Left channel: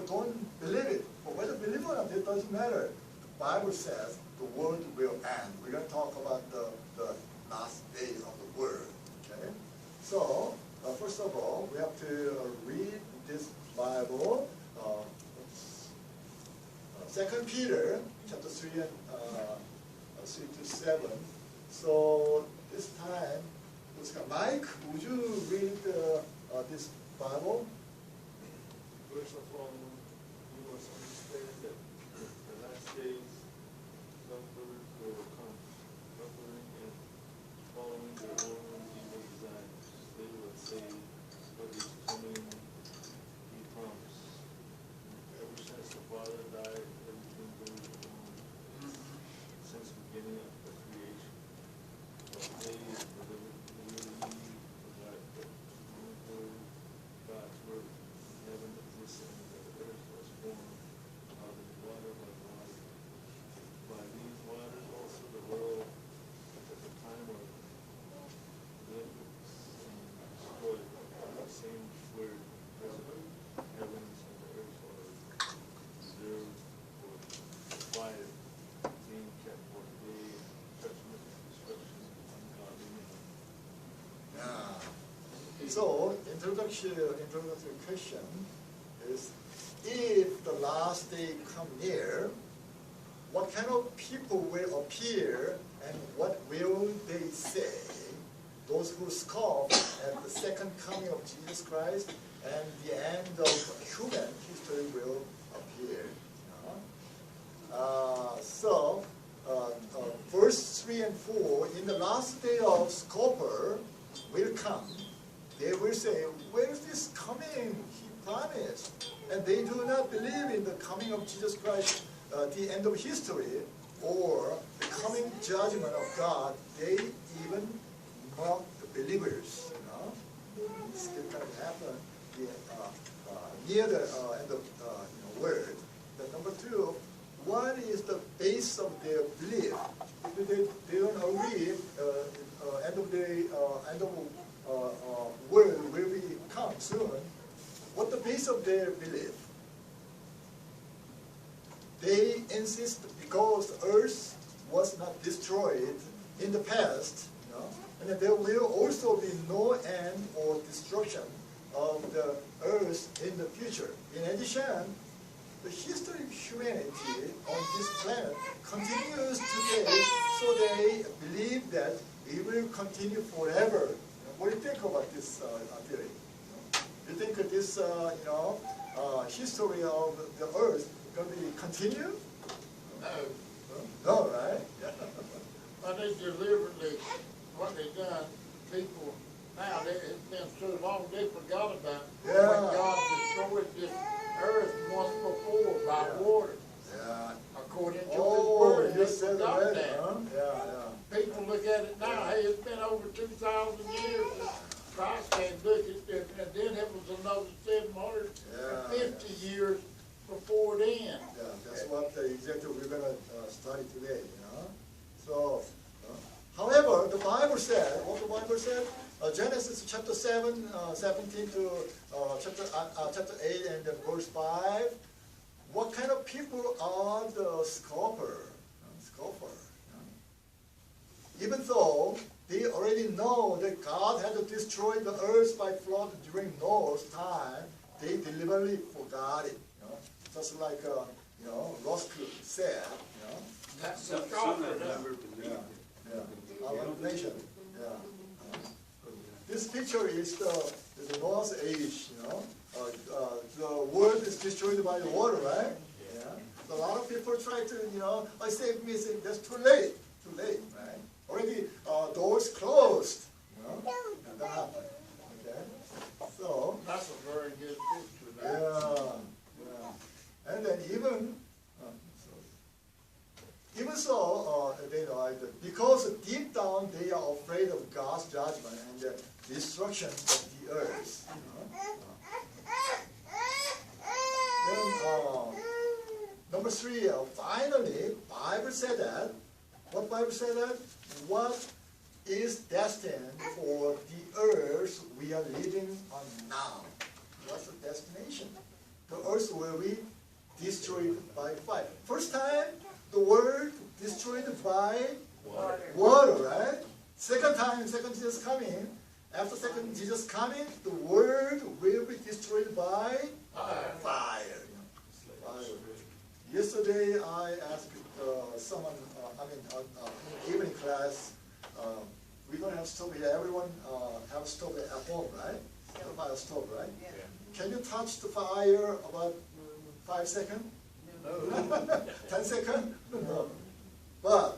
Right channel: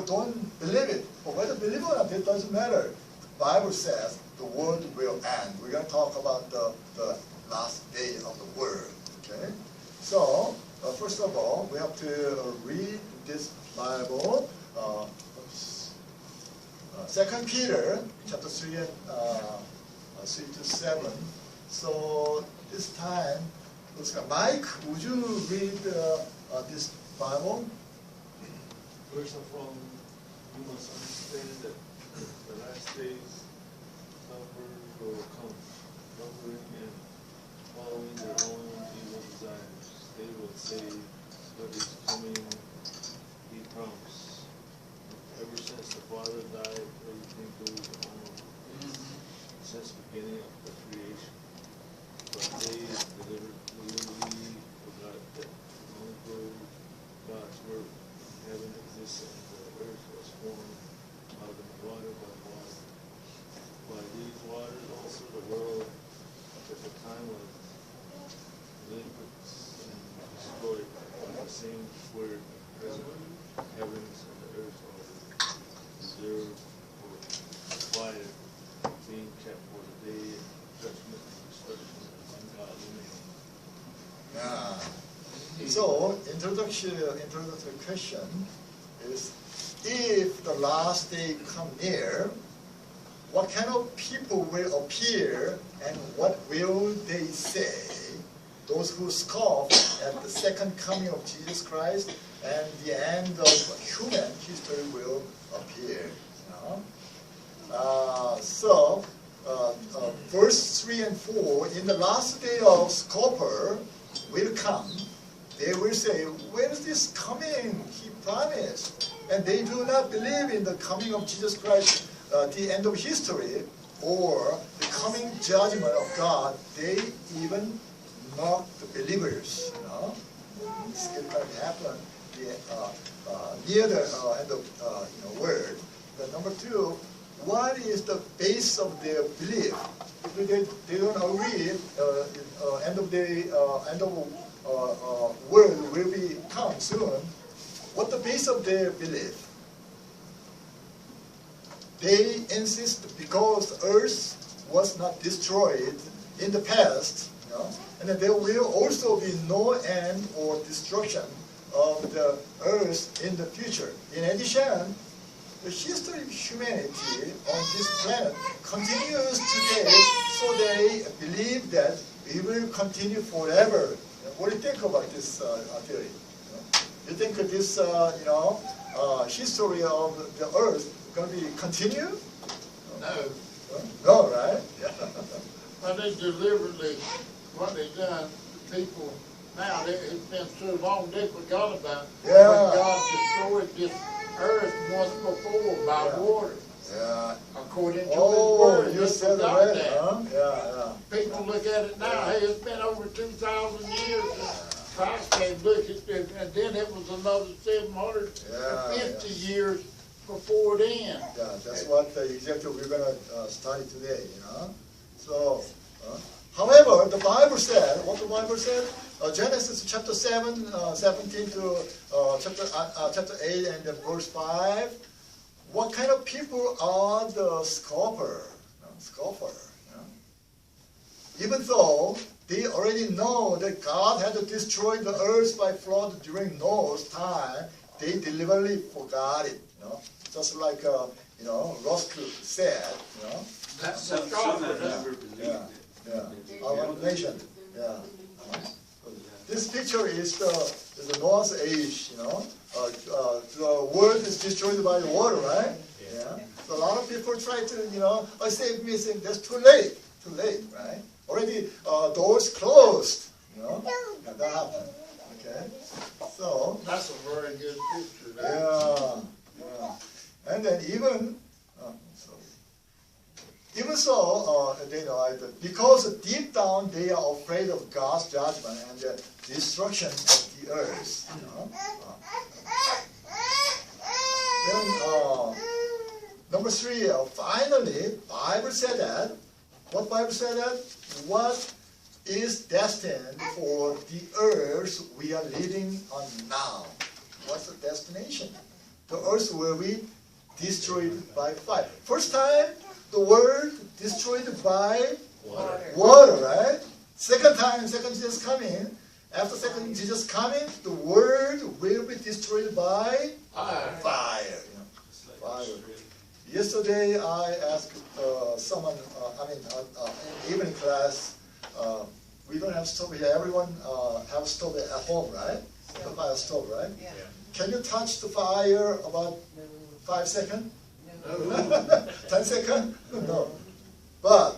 or don't believe it. But whether believe or not, it doesn't matter. The Bible says the world will end. We're going to talk about the last day of the world. Okay? So, first of all, we have to read this Bible. 2 Peter chapter 3 and 3 to 7. So this time, Mike, would you read this Bible? First of all, you must understand that the last days suffering will come, suffering and following their own evil desires. They will say, "What is coming?" He promised. Ever since the Father died, everything goes on since the beginning of the creation. But they deliberately forgot that long ago God's word, heaven existed and the earth was formed out of water by water. By these waters also the world at the time was liquids and destroyed by the same word. Present heavens and the earth are reserved for fire, being kept for the day of judgment and destruction of ungodly men. Yeah. So, introductory question is, if the last day come near, what kind of people will appear and what will they say? Those who scoff at the second coming of Jesus Christ and the end of human history will appear. Verse 3 and 4, in the last day of scoffer will come. They will say, when is this coming? He promised. And they do not believe in the coming of Jesus Christ, the end of history, or the coming judgment of God. They even mock the believers. This can happen near the end of world. Number two, what is the base of their belief? If they don't agree, end of world will come soon. What the base of their belief? They insist because Earth was not destroyed in the past, and that there will also be no end or destruction of the Earth in the future. In addition, the history of humanity on this planet continues today, so they believe that we will continue forever. What do you think about this theory? You think this, history of the Earth going to be continue? No. No, right? But they deliberately, what they done, the people, now it's been so long they forgot about it. Yeah. When God destroyed this earth once before by water. Yeah. According to His Oh, word. you They said forgot that, that. huh? Yeah. People look at it now, hey, it's been over 2,000 years. Christ came, look at it, and then it was another 750 years before then. Yeah, that's what exactly we're going to study today, So, however, the Bible said, what the Bible said? Genesis chapter 7, 17 to chapter 8 and then verse 5. What kind of people are the scoffer? Even though they already know that God had to destroy the earth by flood during Noah's time, they deliberately forgot it. Just like Rusk said. That's Some the scoffer. have never believed it. Yeah. Our nation. Yeah. This picture is the Noah's age. The world is destroyed by the water, right? Yeah. So a lot of people try to save me. Saying that's too late, right? Already doors closed. And that happened. Okay. So. That's a very good picture. Yeah. And then even so, they know because deep down they are afraid of God's judgment and the destruction of the earth. Then number 3, finally, Bible said that. What Bible said that? What is destined for the earth we are living on now? What's the destination? The earth earth will be destroyed by fire. First time, the world destroyed by water, right? Second time, second Jesus coming. After second Jesus coming, the world will be destroyed by fire. Fire. Yesterday, I asked someone, in evening class, we don't have stove here. Everyone have stove at home, right? The fire stove, right? Yeah. Can you touch the fire about 5 seconds? No. 10 seconds? No. But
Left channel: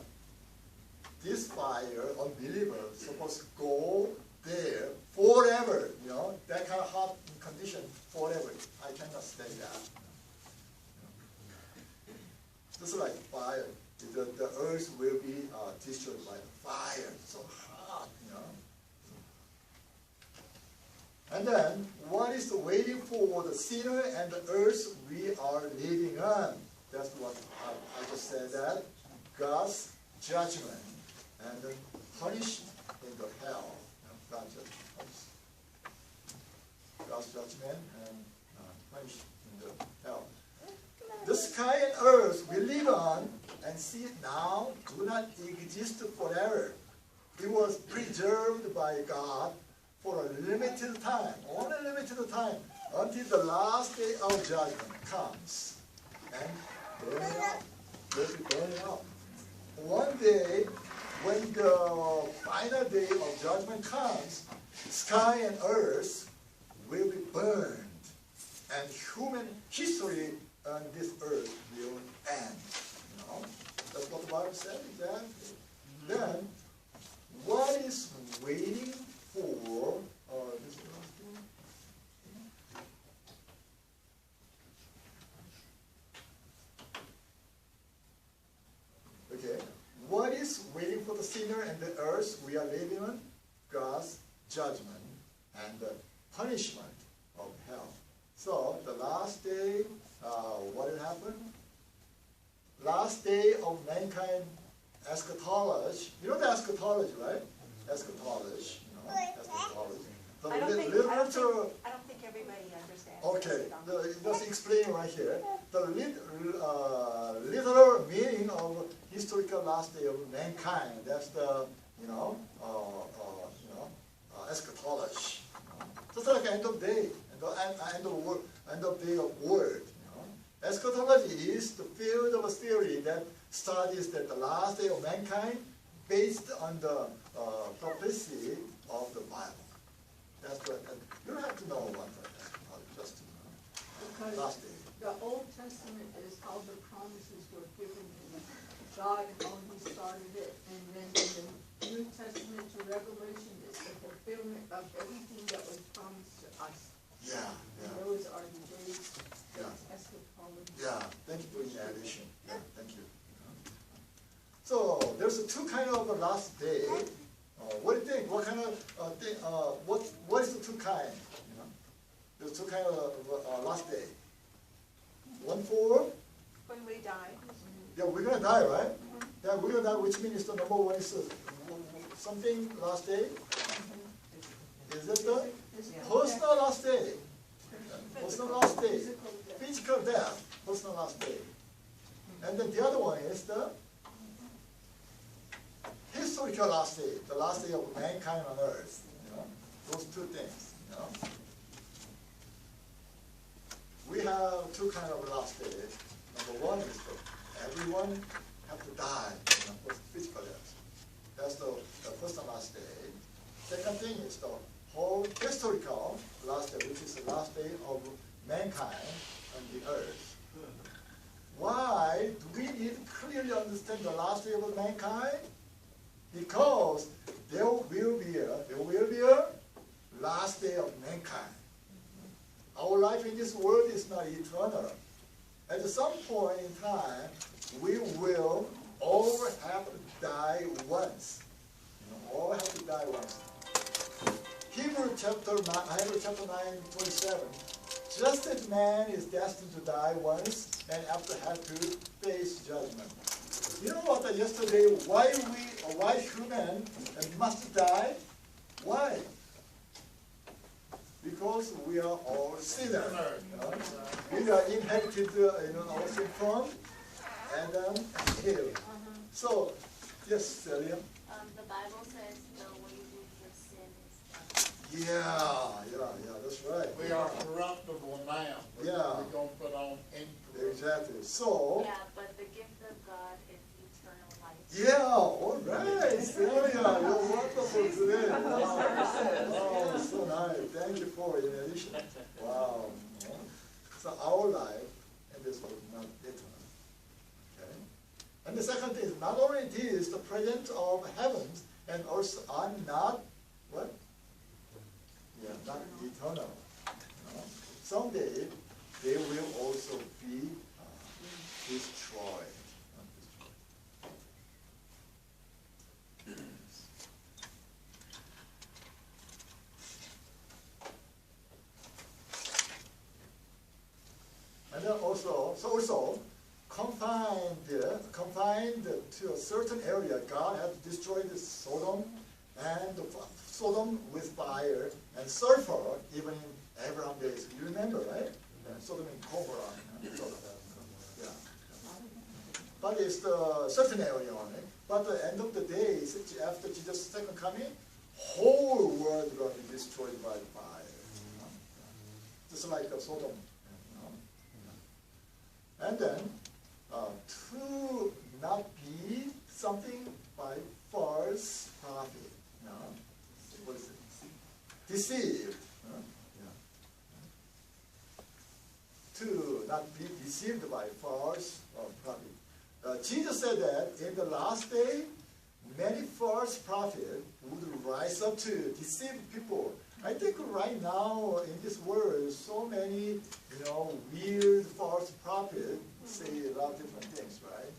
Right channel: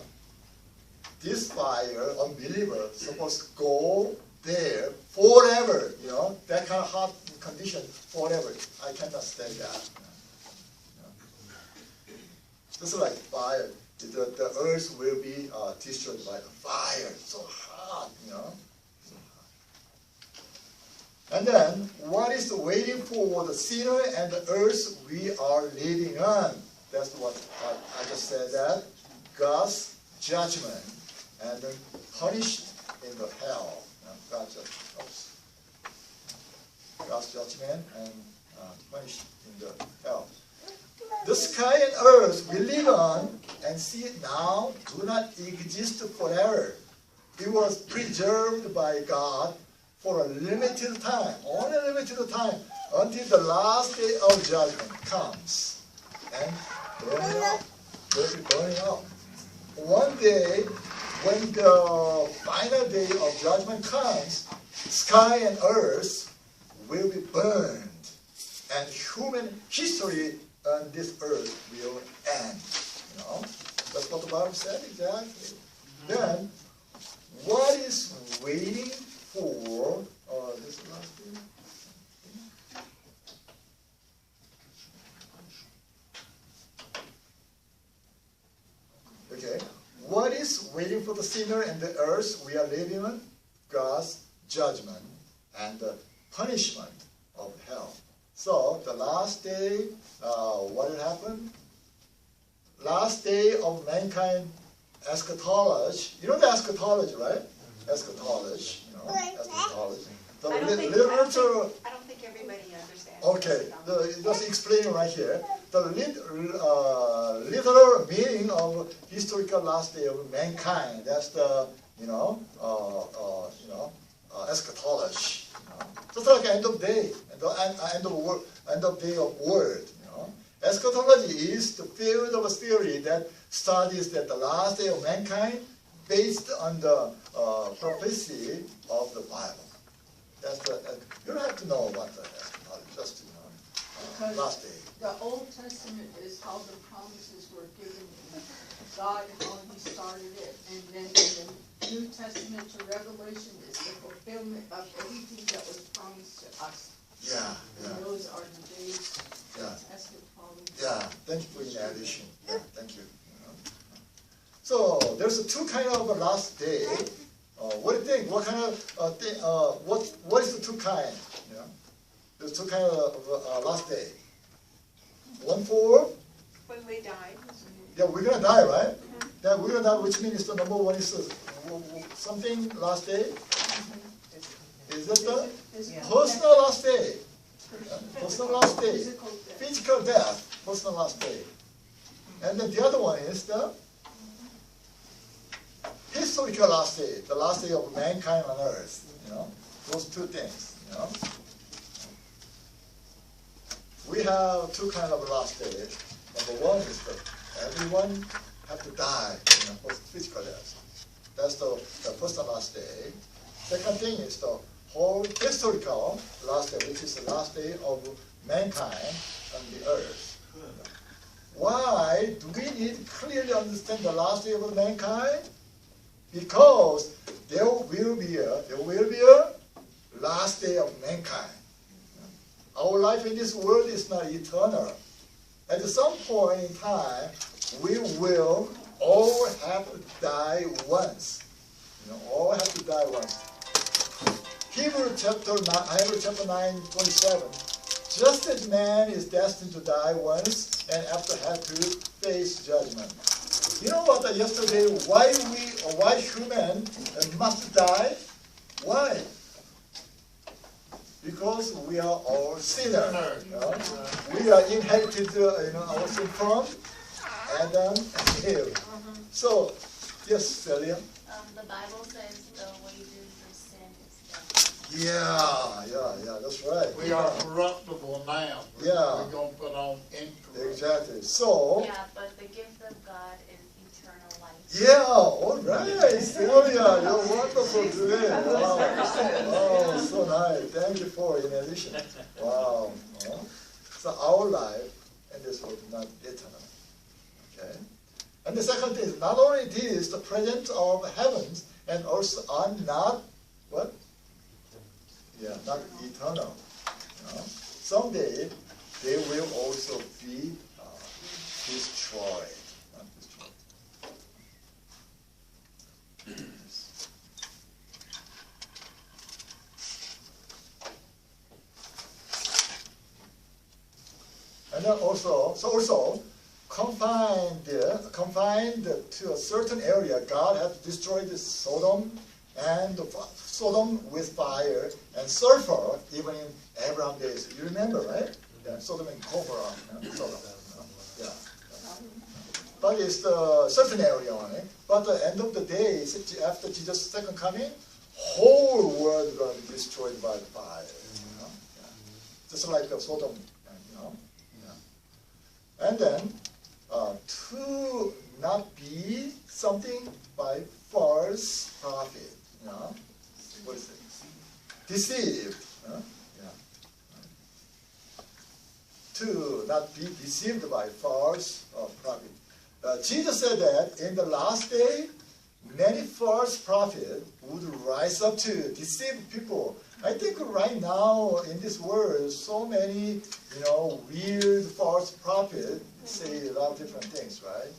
this fire, unbeliever, supposed to go there forever, that kind of hot condition forever. I cannot stay that. Just like fire, the earth will be destroyed by the fire. So hot, And then, what is waiting for the sinner and the earth we are living on? That's what I just said, that God's judgment and then punished in the hell. God's judgment and punished in the hell. The sky and earth we live on and see it now do not exist forever. It was preserved by God for a limited time, only a limited time, until the last day of judgment comes. And burning up. One day, when the final day of judgment comes, sky and earth will be burned, and human history on this earth will end. That's what the Bible said exactly. Then, what is waiting for this last thing? Okay. What is waiting for the sinner and the earth we are living on? God's judgment and the punishment of hell. So the last day, what will happen? Last day of mankind eschatology. You know the eschatology, right? Eschatology. Eschatology. The I don't literature. think everybody understands. Okay, just explaining right here. The literal meaning of historical last day of mankind. That's the eschatology. Just like end of day, end of day of world. Eschatology is the field of theory that studies that the last day of mankind based on the prophecy of the Bible. That's you don't have to know about the eschatology, just to know. Last day. The Old Testament is how the promises were given to God, how He started it, and then the New Testament to Revelation is the fulfillment of everything that was promised to us. Yeah. And those are the days. Yeah. Eschatology. Yeah. Thank you for the addition. Yeah. Thank you. So there's two kind of a last day. What do you think? What kind of thing? What is the two kind? There's two kind of last day. One for When we die. yeah, we're gonna die, right? Yeah, we're gonna die, which means the number one is something last day. Is that the personal last day? Personal last day. Physical death. Personal last day. And then the other one is the historical last day, the last day of mankind on earth. Those two things. We have two kind of last day. Number one is that everyone have to die, physical death. That's the personal last day. Second thing is the whole historical last day, which is the last day of mankind on the earth. Why do we need to clearly understand the last day of mankind? Because there will be a last day of mankind. Our life in this world is not eternal. At some point in time, we will all have to die once. All have to die once. Hebrews chapter 9:27. Just as man is destined to die once and after have to face judgment. You know what? Yesterday, why human must die? Why? Because we are all sinners. We are in created our sin from Adam and Eve. So, yes, Celia? The Bible says the wages of sin is death. Yeah, that's right. We are corruptible now. Yeah. We're gonna put on incorruptible. Exactly. So, Yeah, but the gift of God is eternal life. yeah, all right, Celia, you're wonderful today. Wow, wow, so nice. Thank you for in addition. Wow. So our life in this world is not eternal. Okay. And the second thing is not only this, the presence of heavens and also are not what? Yeah, not eternal. Someday they will also be destroyed. And then also confined to a certain area, God has destroyed Sodom with fire and sulfur, even in Abraham days. You remember, right? Yeah, Sodom and Gomorrah. Sodom. Yeah. But it's the certain area on it. But at the end of the day, after Jesus' second coming, whole world is going to be destroyed by fire. Yeah. Just like Sodom. And then, to not be something by false prophet. What is it? Deceived. To not be deceived by false prophet. Jesus said that in the last day, many false prophets would rise up to deceive people. I think right now in this world, so many, weird false prophets say a lot of different things, right?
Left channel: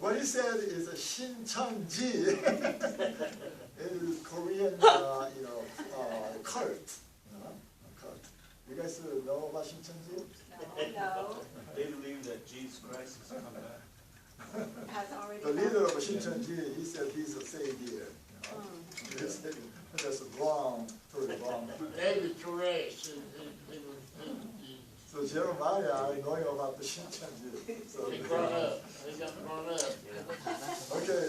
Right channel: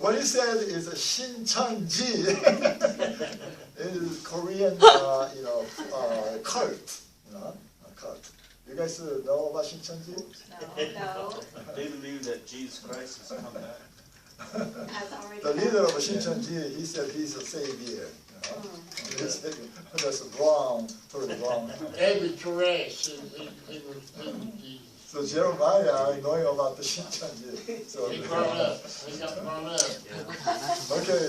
What he said is a Shincheonji. It is Korean, cult. Cult. You guys know about Shincheonji? No, They believe that Jesus Christ has come back. has already. The leader of Shincheonji, he said he's a savior. That's wrong, totally wrong. Every trash, he was So Jeremiah, I know about the Shincheonji. So, he grown up. He got grown up. okay,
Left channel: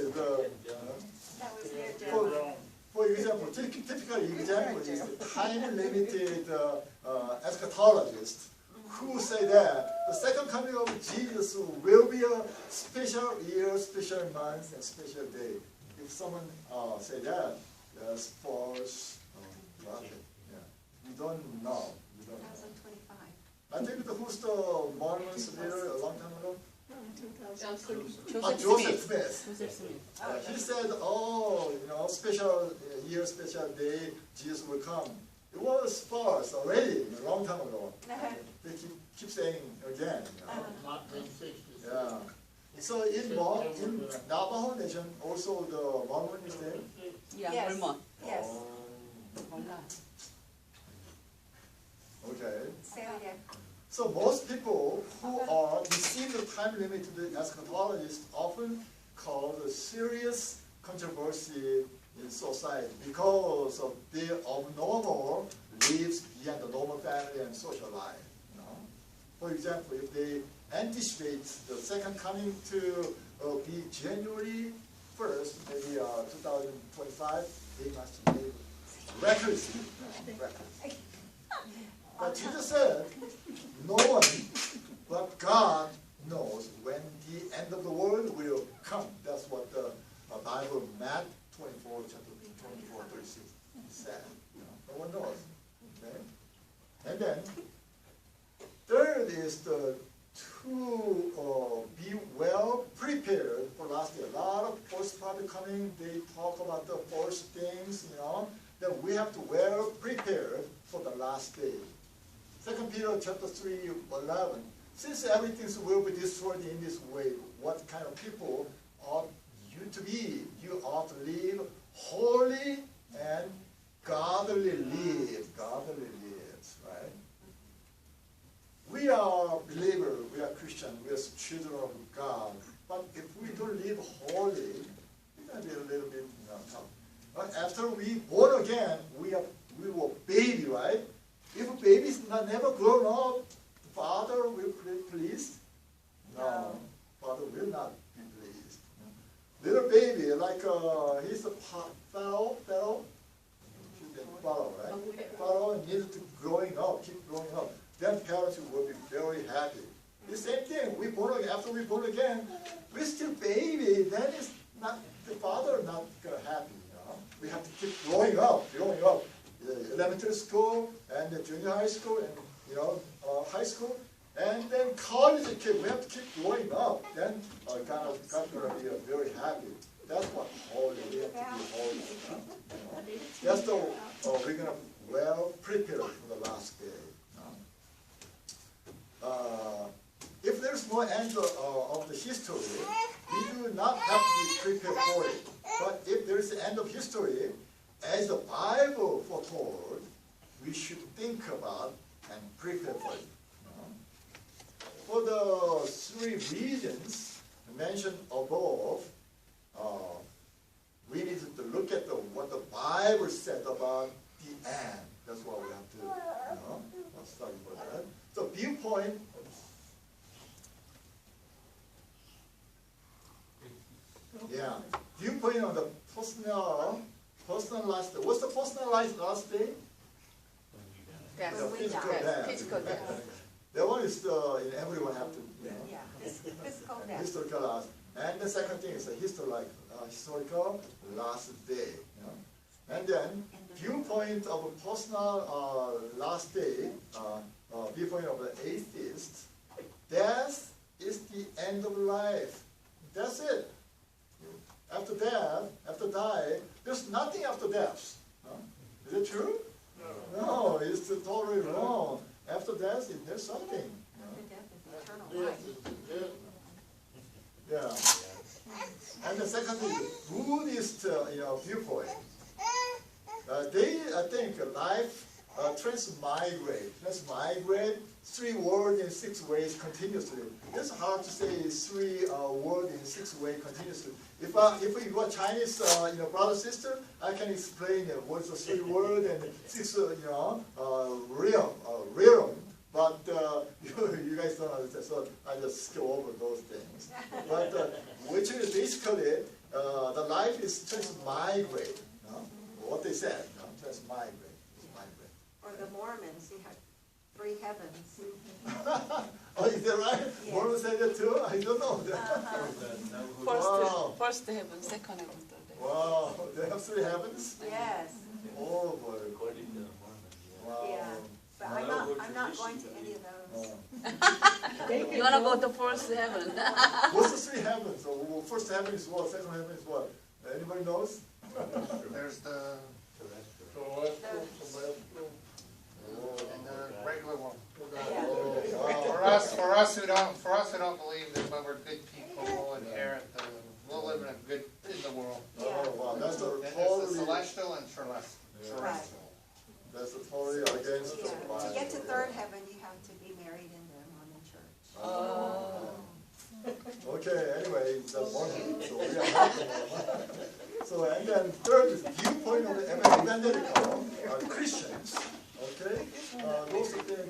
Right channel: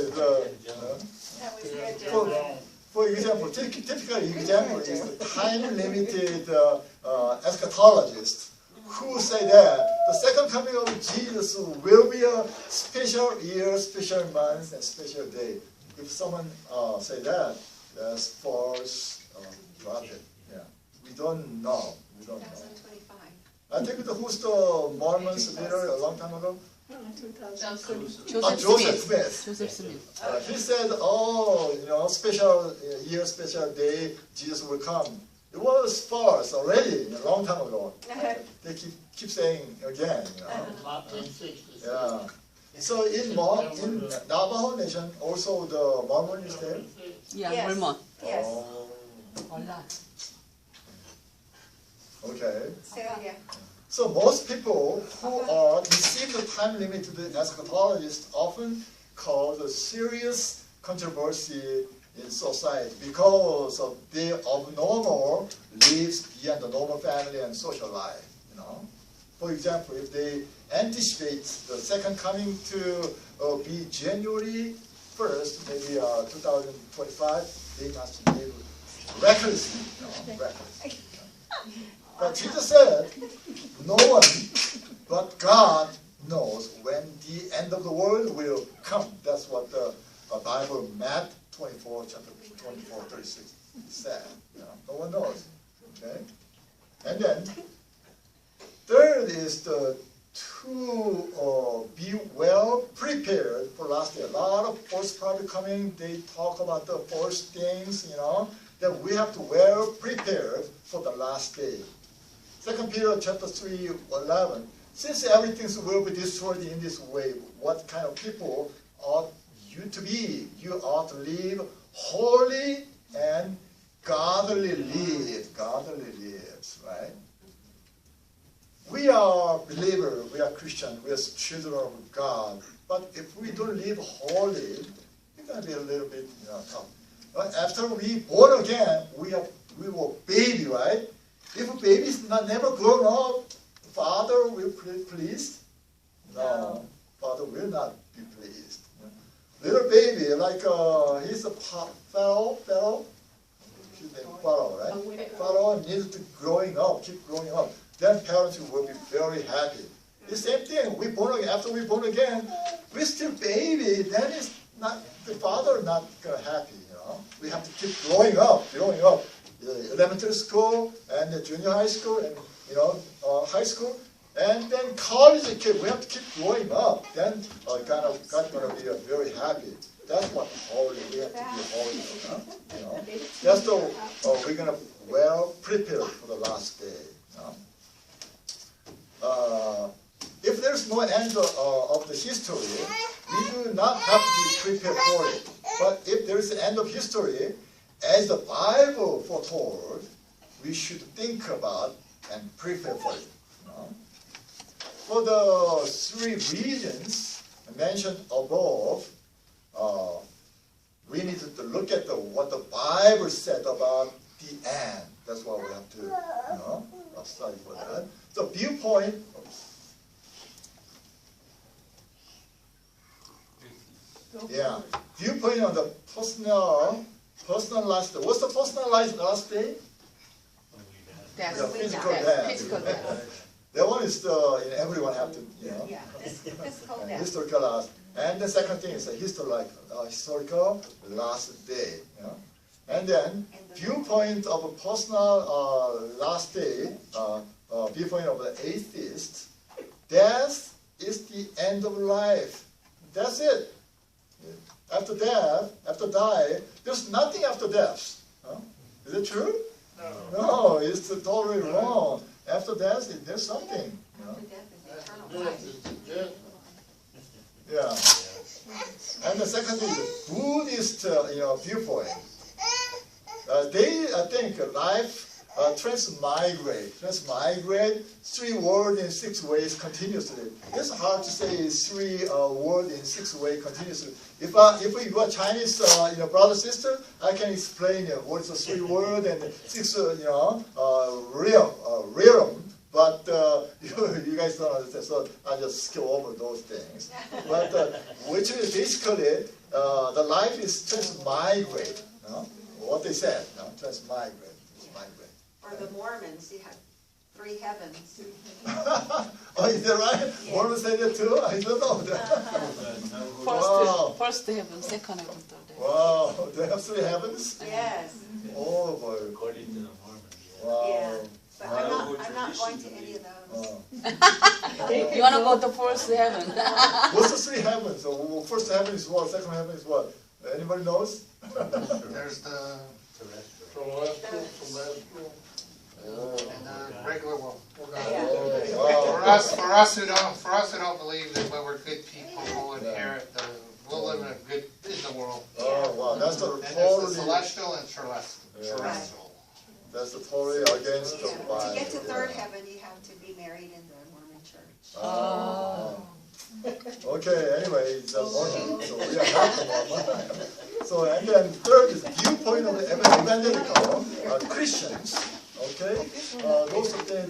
That was the agenda. for example, typical example is the time-limited eschatologist who say that the second coming of Jesus will be a special year, special month, and special day. If someone say that, that's false prophet. Yeah, we don't know. 2025. I think who's the Mormons leader a long time ago? Joseph Smith. Joseph Smith. He said, special year, special day, Jesus will come. It was false already a long time ago. They keep saying again. 1960s. Yeah. So in Navajo Nation, also the Mormon is there. Yeah, Yes. Mormon. Yes. Hola. Okay. Celia. So most people who are receive the time limited eschatologists often cause a serious controversy in society because of their abnormal lives beyond the normal family and social life. For example, if they anticipate the second coming to be January 1st, maybe 2025, they must live recklessly. Recklessly. But Jesus said, no one but God knows when the end of the world will come. That's what the Bible, Matthew 24, chapter 24, 36 said. No one knows. Okay? And then, third is to be well prepared for last day. A lot of false prophets coming, they talk about the false things, that we have to well prepared for the last day. 2 Peter chapter 3, 11. Since everything will be destroyed in this way, what kind of people ought you to be? You ought to live holy and godly live. Godly lives, right? We are believers, we are Christians, we are children of God. But if we don't live holy, it's going to be a little bit tough. But after we born again, we will not never grown up, Father will be pleased? No, Father will not be pleased. Little baby, like he's a Pharaoh, his name Pharaoh, right? Pharaoh needs to growing up, keep growing up. Then parents will be very happy. The same thing, we born again, after we born again, we're still baby, then it's not, the father not happy, you know. We have to keep growing up. The elementary school and the junior high school and, you know, high school. And then college kid, we have to keep growing up. Then God gonna be very happy. That's what holy, we have to be holy, huh? You know. That's the, we're gonna well prepare for the last day. If there's no end of the history, we do not have to be prepared for it. But if there is an end of history, as the Bible foretold, we should think about and prepare for it. For the three regions mentioned above, we need to look at what the Bible said about the end. That's what we have to study for that. So viewpoint. Yeah, viewpoint on the personal last day. What's the personal last day? Death. The physical Death. death. Physical death. That one is everyone have to, you know. Yeah, physical And death. historical last. And the second thing is a historical last day. You know? And then viewpoint of a personal last day, viewpoint of an atheist, death is the end of life. That's it. After death, after die, there's nothing after death. No? Is it true? No, it's totally wrong. After death, there's something. You know? After death is eternal life. Yeah. And the second thing, Buddhist, viewpoint. They think life transmigrate 3 words in 6 ways continuously. It's hard to say 3 words in 6 ways continuously. If we got Chinese, brother sister, I can explain what is the 3 words and 6, realm. But you guys don't understand, so I just skip over those things. But which is basically the life is transmigrate. What they said, transmigrate. Or the Mormons, you have 3 heavens. Oh, is that right? Yeah. Mormons say that too? I don't know that. First heaven, second heaven, third heaven. Wow, they have 3 heavens? Yes, Oh boy. According to the Mormons. Wow. yeah. But I'm not going to any of those. Oh. You wanna go to first heaven? What's the 3 heavens? So, first heaven is what? Second heaven is what? Anybody knows? There's the, Celestial, and the regular one. Yeah. Wow. For us who don't believe that we're good people, we'll inherit we'll live in the world. Oh, wow, that's the And there's the totally, celestial and terrestrial. that's the totally against the Yeah. Bible. To get to third heaven, you have to be married in the Mormon church. Oh. Okay, anyway, it's a Mormon, so we are not a Mormon. So, and then third is viewpoint of the evangelical Christians. Okay,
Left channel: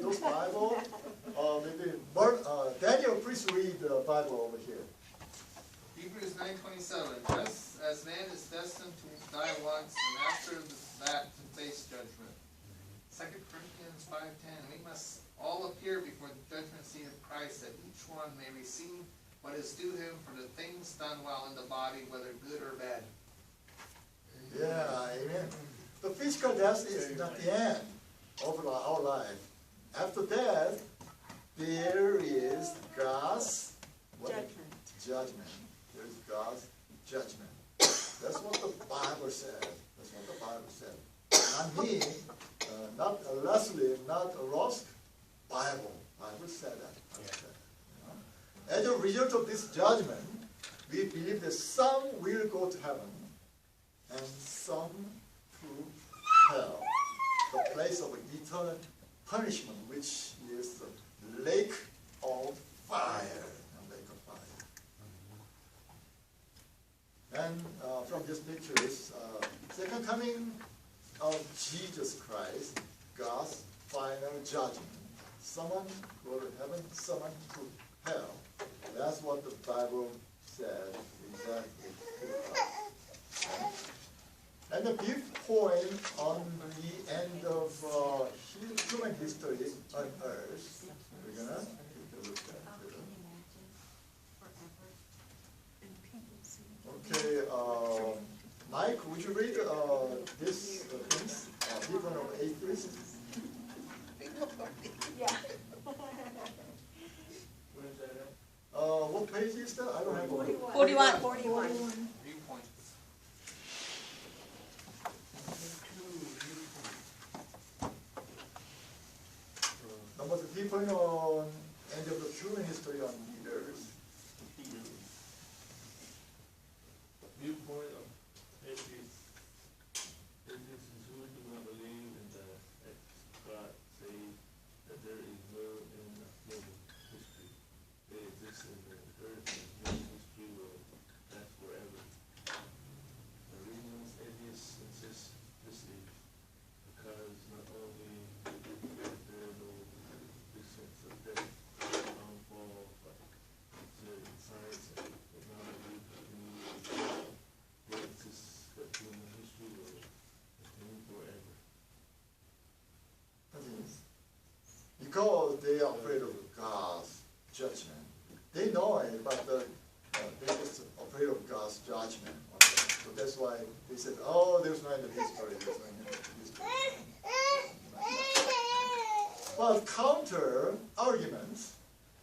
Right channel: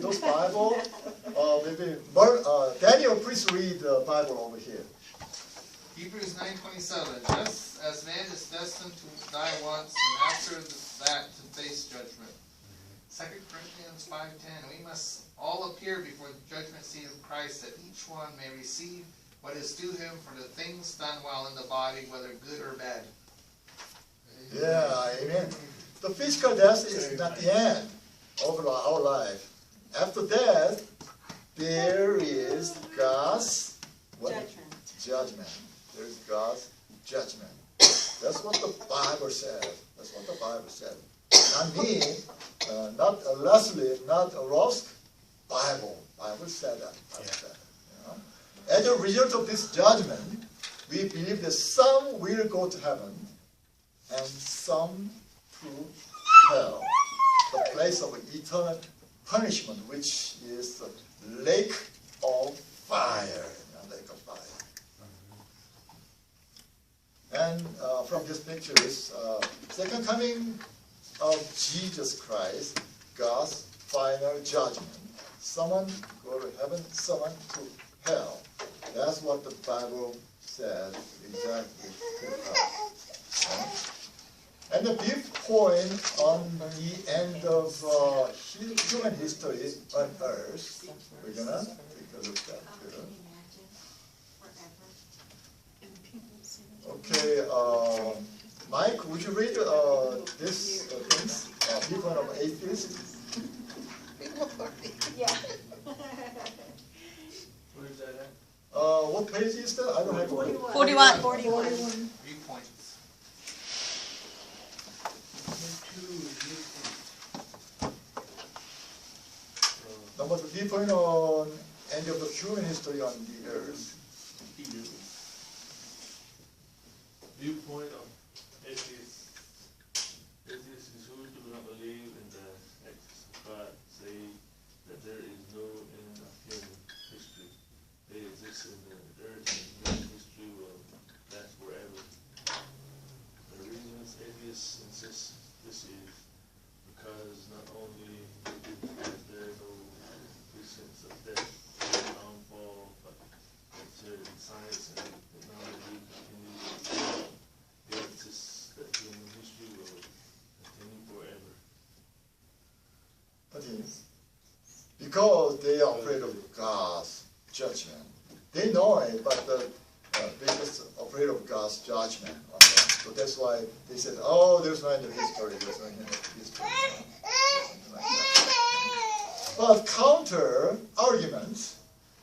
those Bible, maybe Daniel, please read the Bible over here. Hebrews 9:27. Just as man is destined to die once, and after that to face judgment. 2 Corinthians 5:10. We must all appear before the judgment seat of Christ, that each one may receive what is due him for the things done while in the body, whether good or bad. Yeah, amen. The physical death is not the end of our life. After death, there is God's what? Judgment. There's God's judgment. That's what the Bible said. That's what the Bible said. Not me, not Leslie, not Ross. Bible said that. Bible said that. As a result of this judgment, we believe that some will go to heaven and some to hell, the place of eternal punishment, which is the lake of fire. Lake of fire. And from this picture is second coming of Jesus Christ, God's final judgment. Someone go to heaven, someone to hell. That's what the Bible says exactly. And the big point on the end of human history on Earth, we're gonna take a look at here. Okay, Mike, would you read this things? Viewpoint of atheists. Yeah. Where is that at? What page is that? I don't have. 41. 41. 41. Viewpoints. Number two, viewpoint on end of the human history on the Earth. Viewpoint of atheists. Atheists is who do not believe in that God say that there is no end of human history. They exist in the earth, and human history will last forever. The reason atheists insist this is because not only is there no existence of death, downfall, but certain science and technology insists that human history will continue forever. That is, because they are afraid of God's judgment. They know it, but they're just afraid of God's judgment on them. So that's why they said, oh, there's no end of history, there's no end of history. Something like that. But counter arguments,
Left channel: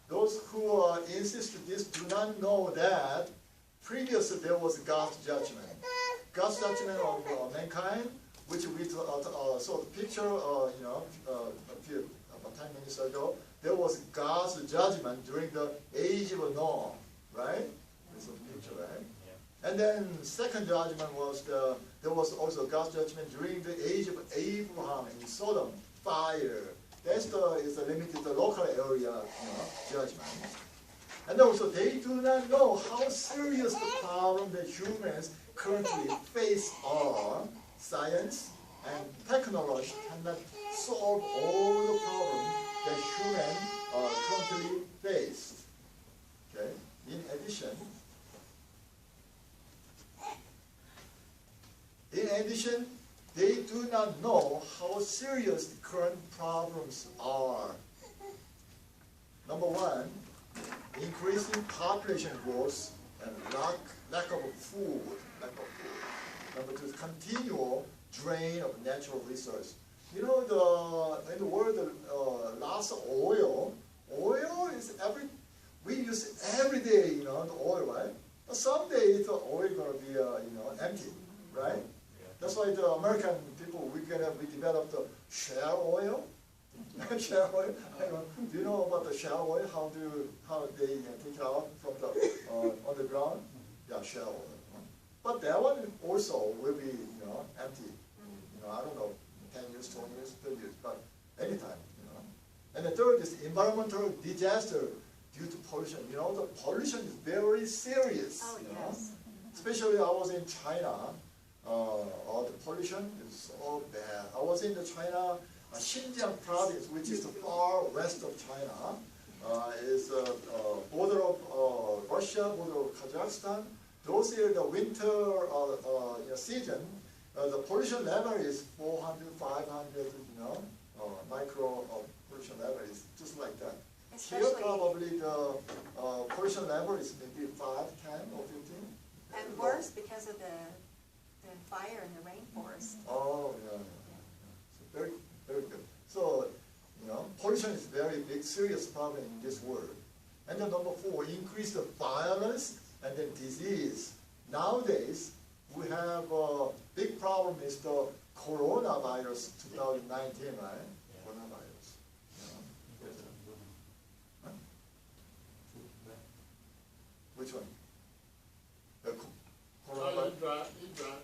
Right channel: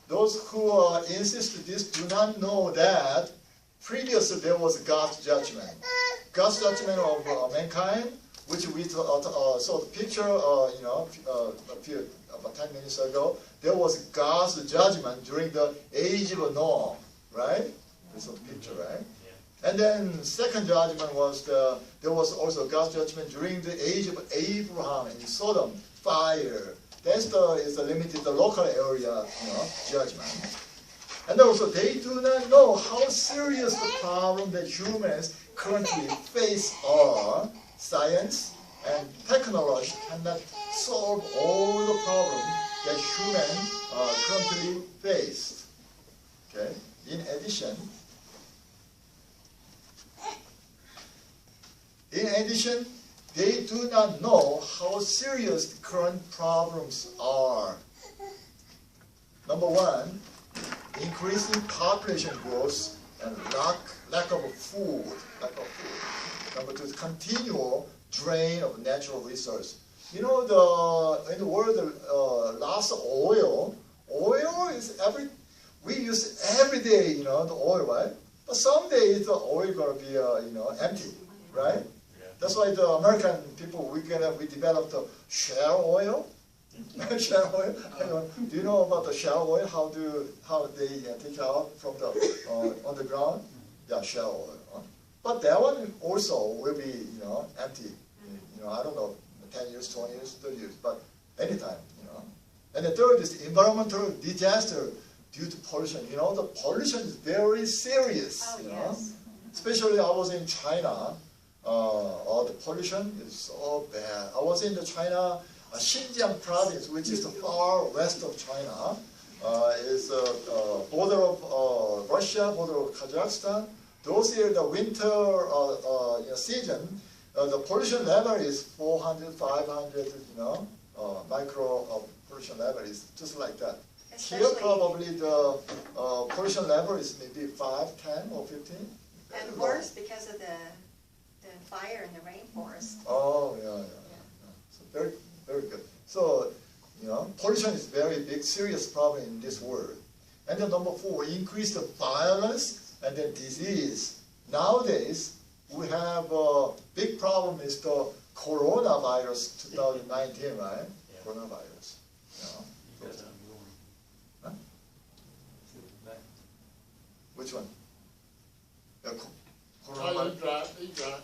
those who insist this do not know that previously there was God's judgment. God's judgment of mankind, which we saw the picture, about 10 minutes ago. There was God's judgment during the age of Noah, right? There's a picture, right? And then second judgment was there was also God's judgment during the age of Abraham in Sodom, fire. That's is the limited the local area, judgment. And also they do not know how serious the problem that humans currently face are. Science and technology cannot solve all the problems that humans currently face. Okay. In addition, they do not know how serious the current problems are. Number one, increasing population growth and lack of food. Number two, continual drain of natural resources. In the world, lots of oil. Oil is we use every day, the oil, right? But someday the oil gonna be, empty, right? That's why the American people, we developed the shale oil. Shale oil. Do you know about the shale oil? How they take it out from the underground? Yeah, shale oil. But that one also will be, empty. I don't know, 10 years, 20 years, 30 years, but anytime, And the third is the environmental disaster due to pollution. The pollution is very serious. Oh, yes. Especially I was in China. The pollution is so bad. I was in the China, Xinjiang province, which is the far west of China. Is border of Russia, border of Kazakhstan. Those are the winter season. The pollution level is 400, 500, micro pollution level is just like that. Here probably the pollution level is maybe 5, 10, or 15. And worse because of the fire in the rainforest. Oh, yeah. So very, very good. So, pollution is very big, serious problem in this world. And then number 4, increase the violence and then disease. Nowadays, we have a big problem is the coronavirus 2019, right? Coronavirus. Huh? Which one? Coronavirus. He's right.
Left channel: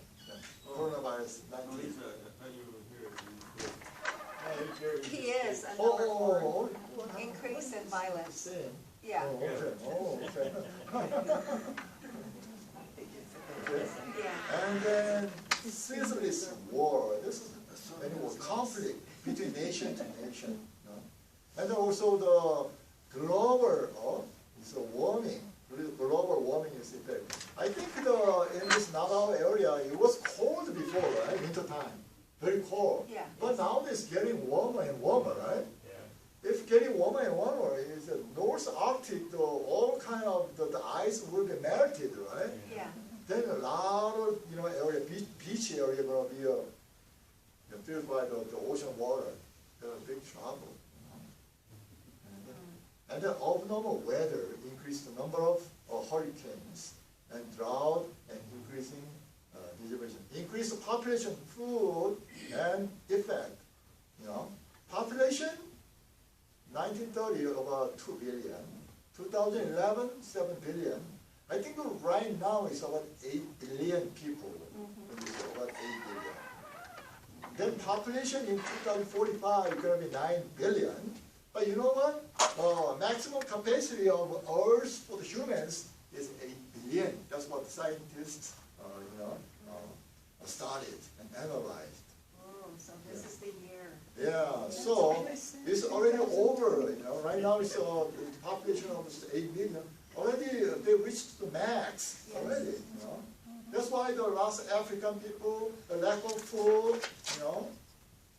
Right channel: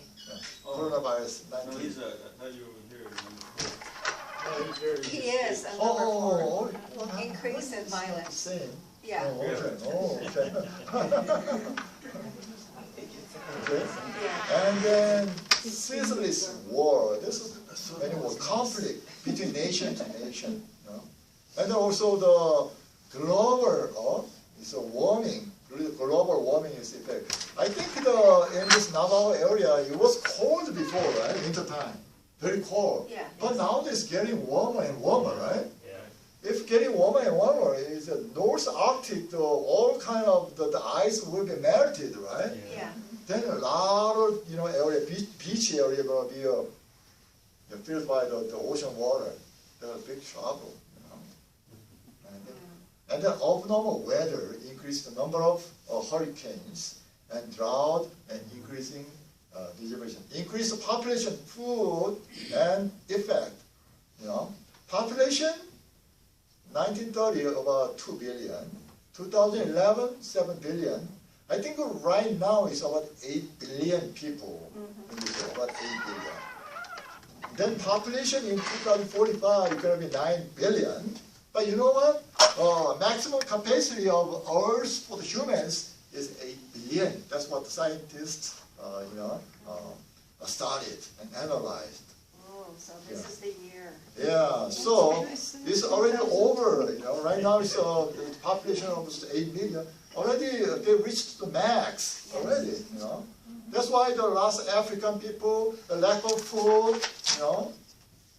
Coronavirus No, 19. he's I thought you were here. He is, and number 4, increase in violence. Same. Yeah. Oh, okay. Okay. Yeah. And then ceaseless war. This is many more conflict between nation to nation. And also the global, is a warming, global warming is effect. I think in this Navajo area, it was cold before, right? Winter time, very cold. Yeah. But now it's getting warmer and warmer, right? If getting warmer and warmer, is the North Arctic, all kind of the ice will be melted, right? Yeah. Then a lot of area, beach area gonna be filled by the ocean water. That's a big trouble. And then abnormal weather increase the number of hurricanes and drought and increasing distribution. Increase the population, food, and effect. Population, 1930 about 2 billion. 2011, 7 billion. I think right now it's about 8 billion people. It's about 8 billion. Then population in 2045 is going to be 9 billion. But you know what? Maximum capacity of Earth for the humans is 8 billion. That's what the scientists, studied and analyzed. Oh, so this is the year. Yeah, so it's already over. Right now it's the population of 8 billion. Already they reached the max already. That's why the last African people, the lack of food,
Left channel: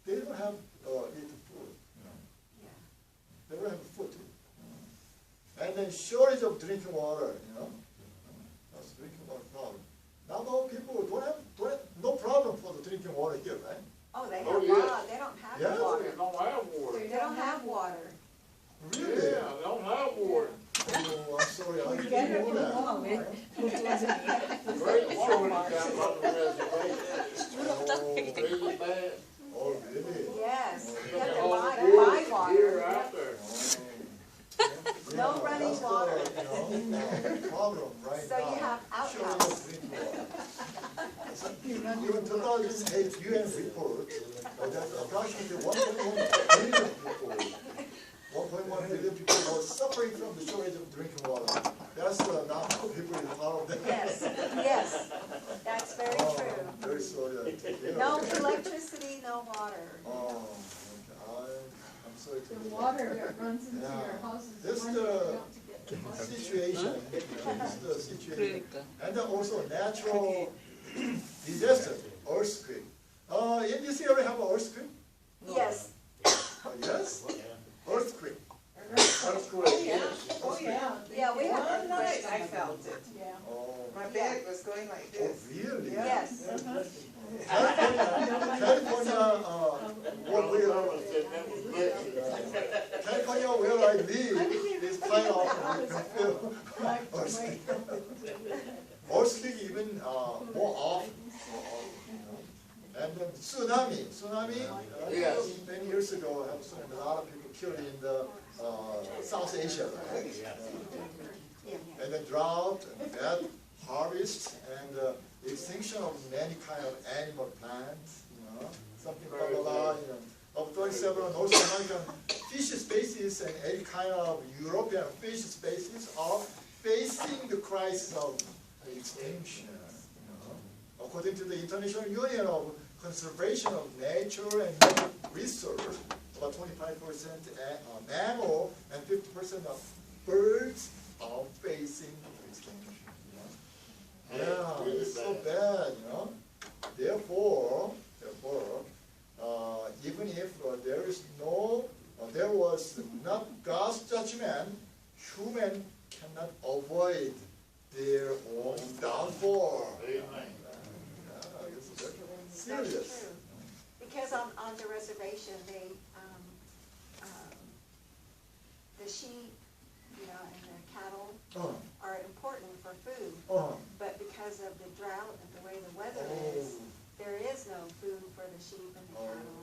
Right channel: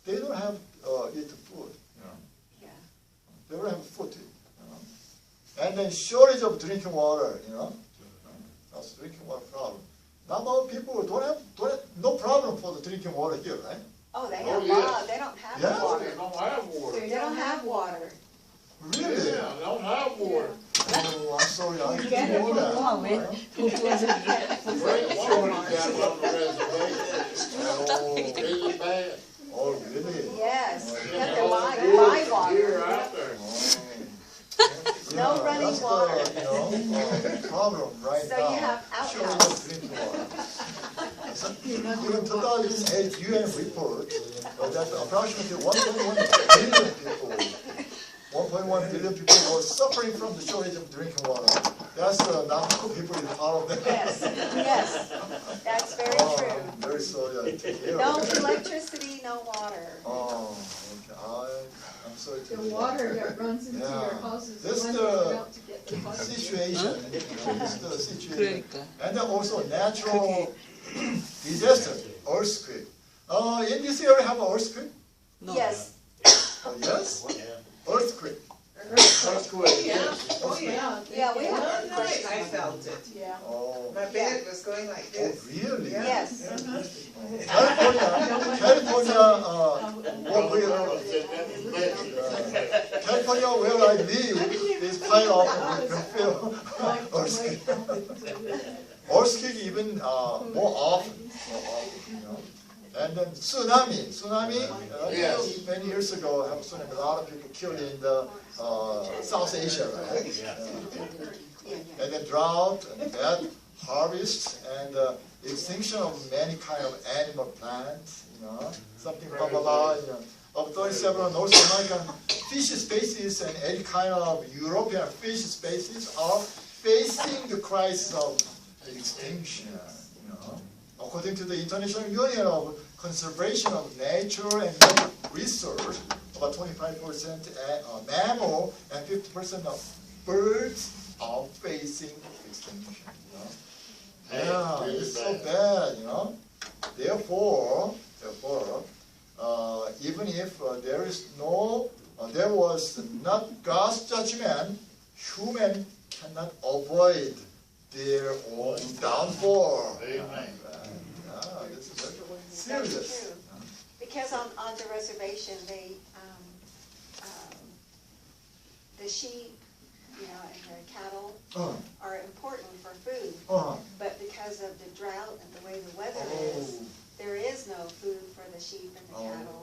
they don't have eat food. Yeah. They don't have food. And then shortage of drinking water. That's drinking water problem. Navajo people don't have no problem for the drinking water here, right? Oh, they have yeah. They don't have Yeah? water. They don't have water. They don't have water. Really? Yeah, they don't have water. Oh, I'm sorry, I Get didn't it know that. Oh, wait. It wasn't here. Great shortage out on the reservation. Oh, Really bad. oh, really? Yes, you have to Yeah. buy water. Here out there. No Yeah, running that's the, water. problem right So now. you have Shortage of outhouse. drinking water. Even 2008 UN report, that approximately 1.1 billion people, 1.1 billion people were suffering from the shortage of drinking water. That's Navajo people is part of that. Yes, yes, that's very Oh, true. I'm very sorry to hear No that. electricity, no water. Oh, okay. I'm sorry to The hear water that. that runs into Yeah. your house is This the one the you out to get the water. Situation, this is the situation. Critical. And then also natural disaster, earthquake. In this area have an earthquake? No. Yes, Yes? Earthquake. Earthquake. Yeah. Oh, yeah. yeah, we have, One night I felt it. Yeah. Oh, My bed was going like oh, this. really? yes. California, what we California where I live is quite often we can feel earthquake. Earthquake even more often. And then tsunami, Yes. many years ago, have tsunami, a lot of people killed in the South Asia, right? And then drought and bad harvest and extinction of many kind of animal plants, something blah blah blah. Of 37 North American fish species and any kind of European fish species are facing the crisis of extinction. According to the International Union of Conservation of Nature and Research, about 25% mammal and 50% of birds are facing extinction. Yeah, it's so bad, Therefore, even if there was not God's judgment, human cannot avoid their own downfall. Amen. Yeah, it's very That's serious. true. Because on the reservation, the sheep, and the cattle Oh, are important for food. oh, But because of the drought and the way the weather is, there is no food for the sheep and the Oh. cattle.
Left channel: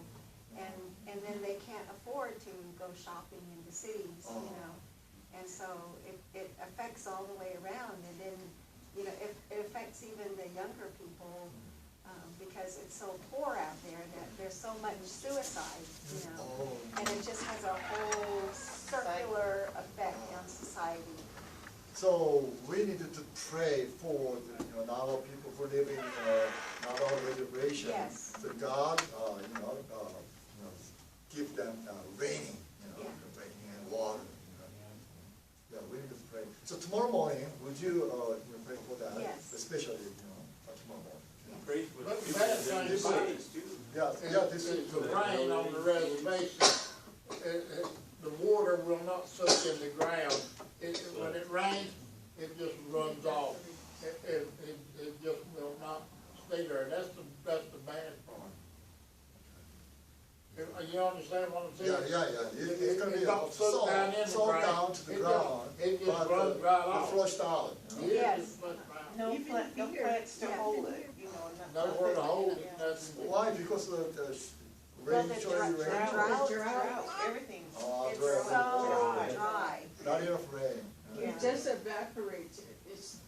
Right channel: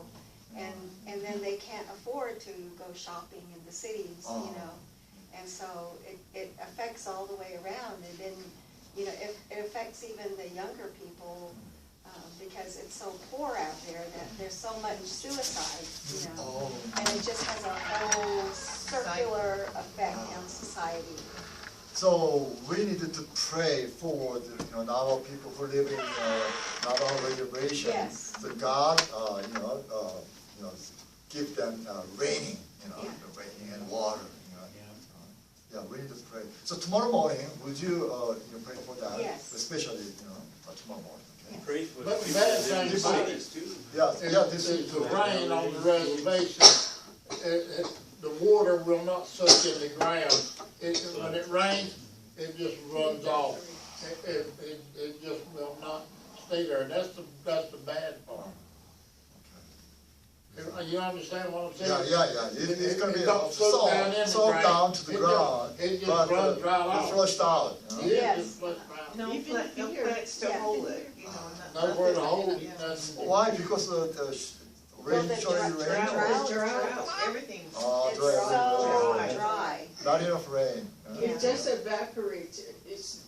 And then they can't afford to go shopping in the cities, Oh. And so it affects all the way around. And then, it affects even the younger people, because it's so poor out there that there's so much suicide, oh. And it just has a whole circular effect on society. So we needed to pray for the Navajo people who live in Navajo reservation. Yes. So God, give them raining, Yeah. the rain. tomorrow morning, would you, pray for that? Yes. Especially, tomorrow morning, okay? Pray for But the the people bad that live in the thing about it cities too. Yeah, this is is, the rain on the reservation, the water will not soak in the ground. When it rains, it just runs off. It just will not stay there. That's the bad part. You understand what I'm saying? yeah, it's gonna be It don't soak down in the soaked ground. down to the ground, It just but runs right it's off. flushed out, Yeah, it Yes. just flushes right. No Even plant, no here. plants to Yeah. hold it, Nowhere to hold it. Yeah. Nothing. Why? Because of the rain, the showing rain? Drought, everything. Oh, It's so dry. dry. Not enough rain. It just evaporates,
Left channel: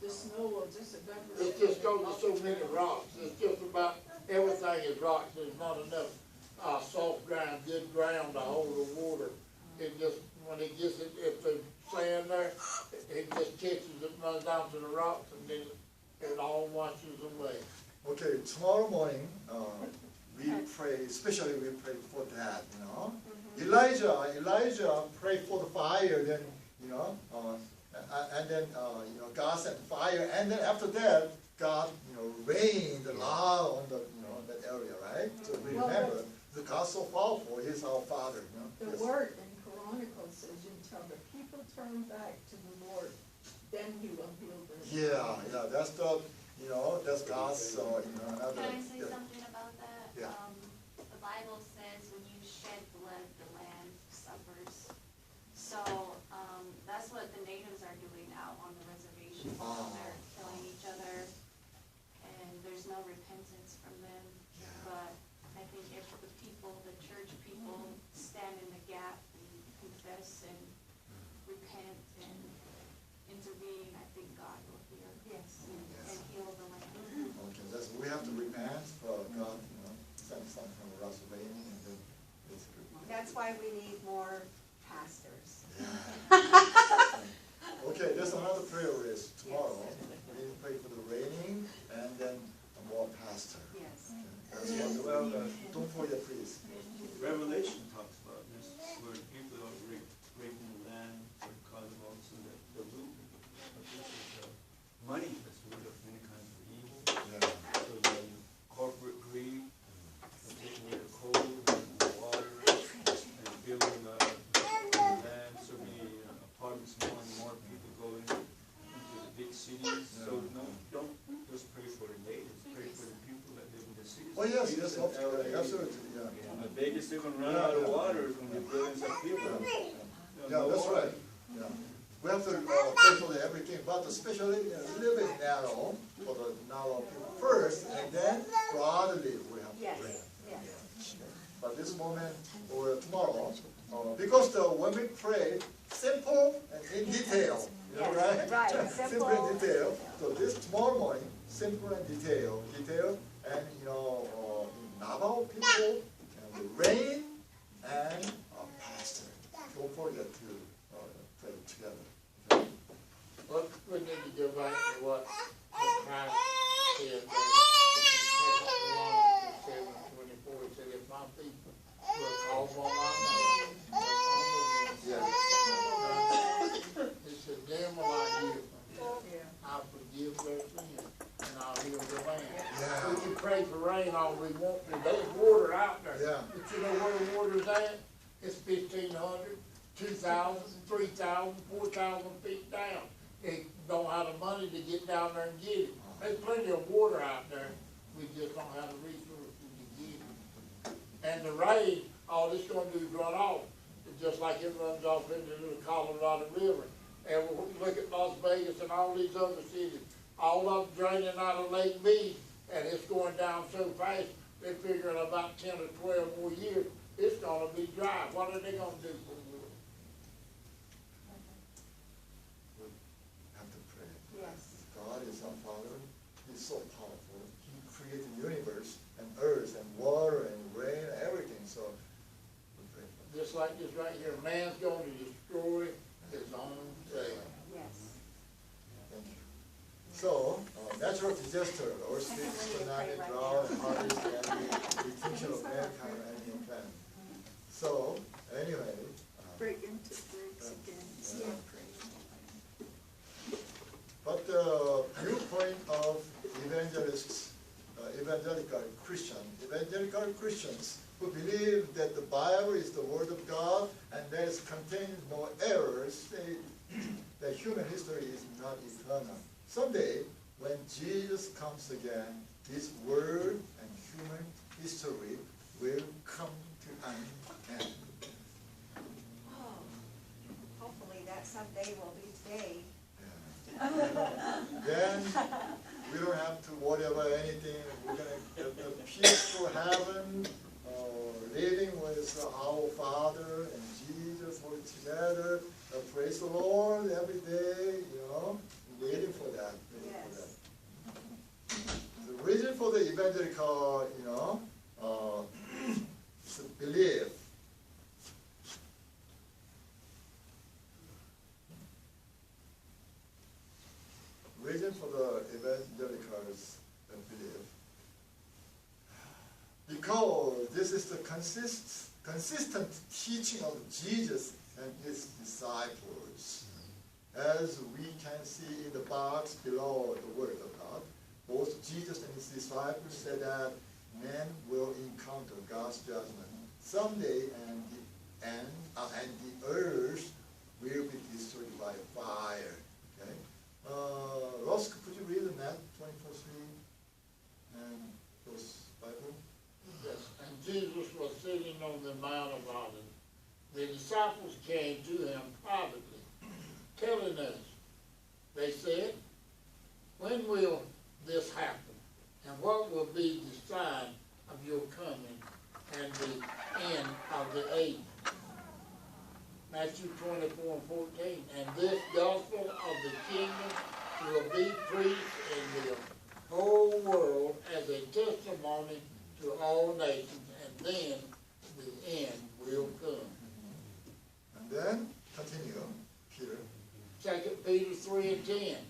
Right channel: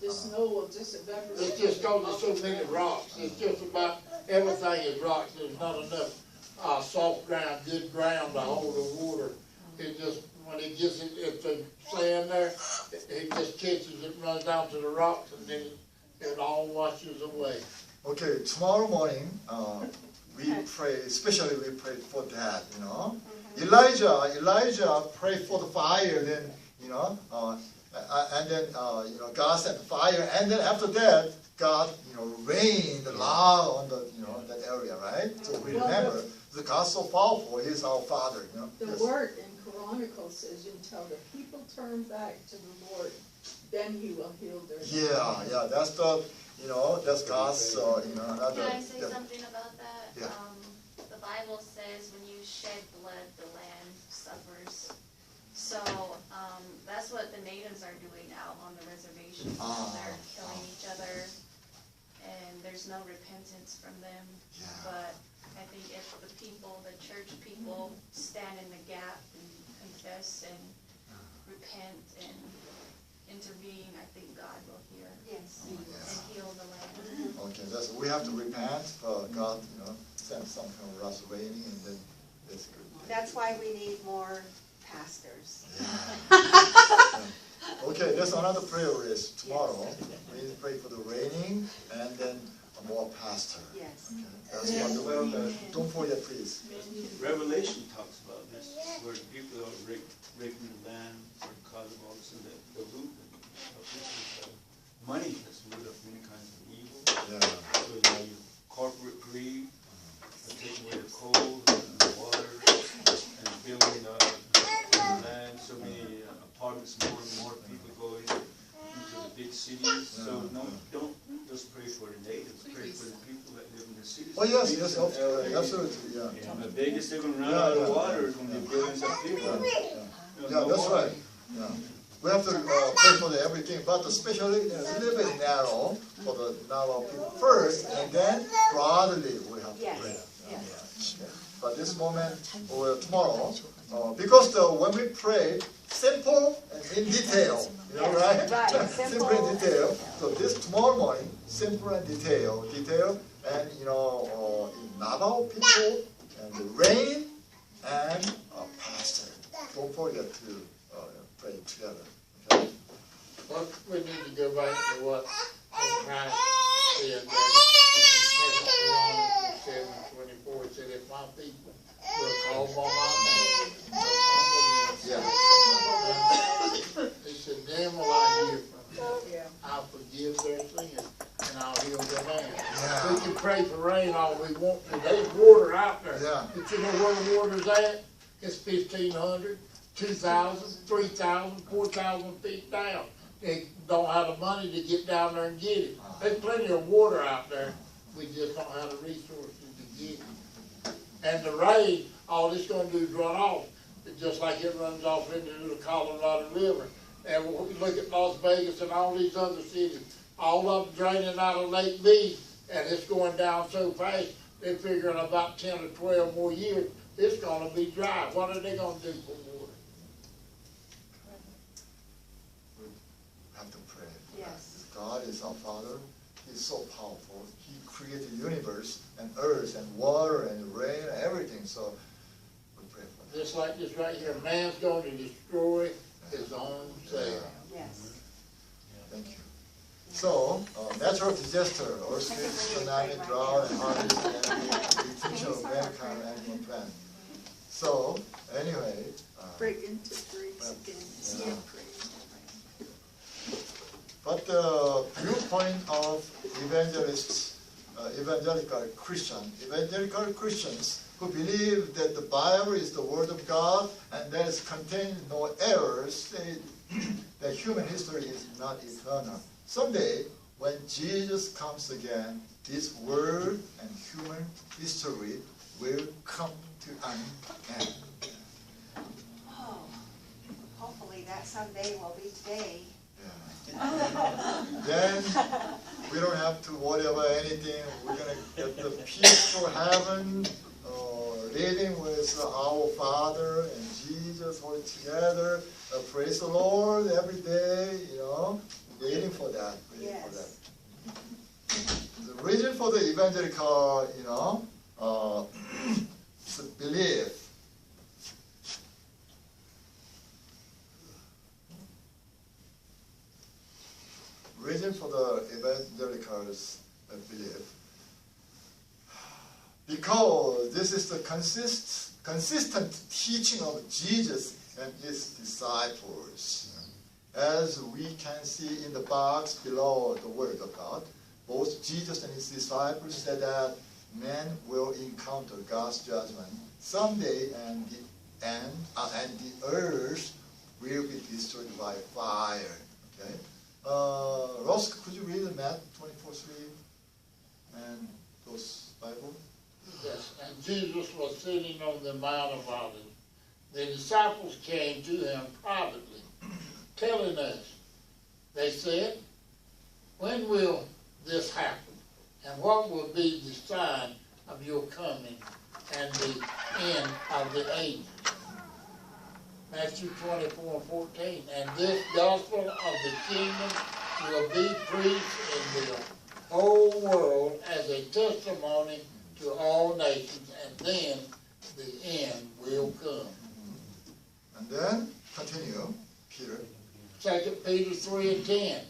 the snow will just evaporate. It's just cause there's so many rocks. It's just about, everything is rocks. There's not enough, soft ground, good ground to hold the water. It just, when it gets, if the sand there, it just catches it, runs down to the rocks, and then it all washes away. Okay, tomorrow morning, we pray, especially we pray for that, Elijah prayed for the fire, then, and then, God sent the fire, and then after that, God, rained loud on the, that area, right? So we Well, remember, the God's so powerful, He is our Father, The Yes. word in Chronicles says, until the people turn back to the Lord, then He will heal their land. Yeah, that's the, that's God's, another. Can I say something about that? Yeah. The Bible says when you shed blood, the land suffers. So, that's what the natives are doing out on the reservation. They're killing each other, and there's no repentance from them. Yeah. But I think if the people, the church people, stand in the gap and confess and repent and intervene, I think God will hear Yes. and heal the land. Okay, we have to repent, God, send some kind of us raining, and then that's good. That's why we need more pastors. Okay, there's another prayer list tomorrow. We need to pray for the raining, and then more pastor. Yes. Okay, that's wonderful. Don't forget, please. Revelation talks about this, where people are raping the land, or causing all this, and the root of money is the root of many kinds of evil. Yeah. So you have corporate greed, taking away the coal, the water, and building the land, so many apartments, more and more people go into the big cities. So no, don't just pray for the natives, pray for the people that live in the cities. Oh, yes, absolutely, yeah. And the biggest they're gonna run out of water is when they build some people. Yeah, that's right. Yeah. We have to pray for everything, but especially it's a little bit narrow for the narrow people first, and then broadly we have to Yes. pray. Yes. But this moment or tomorrow, because when we pray, simple and in detail, Yes, right? right, Simple simple and detail. So this tomorrow morning, simple and detail, and Navajo people and the rain and pastor. Don't forget to pray together. Okay? But we need to go back to what Christ said, that in 7:24, said, if my people will call on my name, he said, then will I hear from them. I'll forgive their sins, and I'll heal their land. We can pray for rain all we want to. There's water out there. Yeah. But you know where the water's at? It's 1,500, 2,000, 3,000, 4,000 feet down. They don't have the money to get down there and get it. There's plenty of water out there. We just don't have the resources to get it. And the rain, all it's gonna do is run off. It's just like it runs off into the Colorado River. And when we look at Las Vegas and all these other cities, all of them draining out of Lake Mead, and it's going down so fast, they figure in about 10 or 12 more years, it's gonna be dry. What are they gonna do for water? We have to pray. Yes. God is our Father. He's so powerful. He created the universe and earth and water and rain and everything. So we pray for that. Just like this right here, man's going to destroy his own self. Yes. Thank you. So, natural disaster, earthquake, tsunami, drought, and hurricane, and the extinction of mankind and animal planet. So, anyway, Break into trees again. yeah. Christians who believe that the Bible is the Word of God and that it contains no errors say that human history is not eternal. Someday, when Jesus comes again, this world and human history will come to an end. Oh, hopefully that someday will be today. Then we don't have to worry about anything. We're going to get the peaceful heaven, living with our Father and Jesus all together. Praise the Lord every day, waiting for that. Yes. The reason for the evangelical, belief. Reason for the evangelicals' belief. Because this is the consistent teaching of Jesus and his disciples. As we can see in the box below the Word of God, both Jesus and his disciples said that man will encounter God's judgment someday, and the earth will be destroyed by fire. Okay, Ross, could you read Matthew 24:3 and those Bible? Yes, and Jesus was sitting on the Mount of Olives. The disciples came to him privately, telling us, they said, when will this happen? And what will be the sign of your coming and the end of the ages? Matthew 24:14. And this gospel of the kingdom will be preached in the whole world as a testimony to all nations, and then the end will come. And then, continue, Peter. 2 Peter 3:10.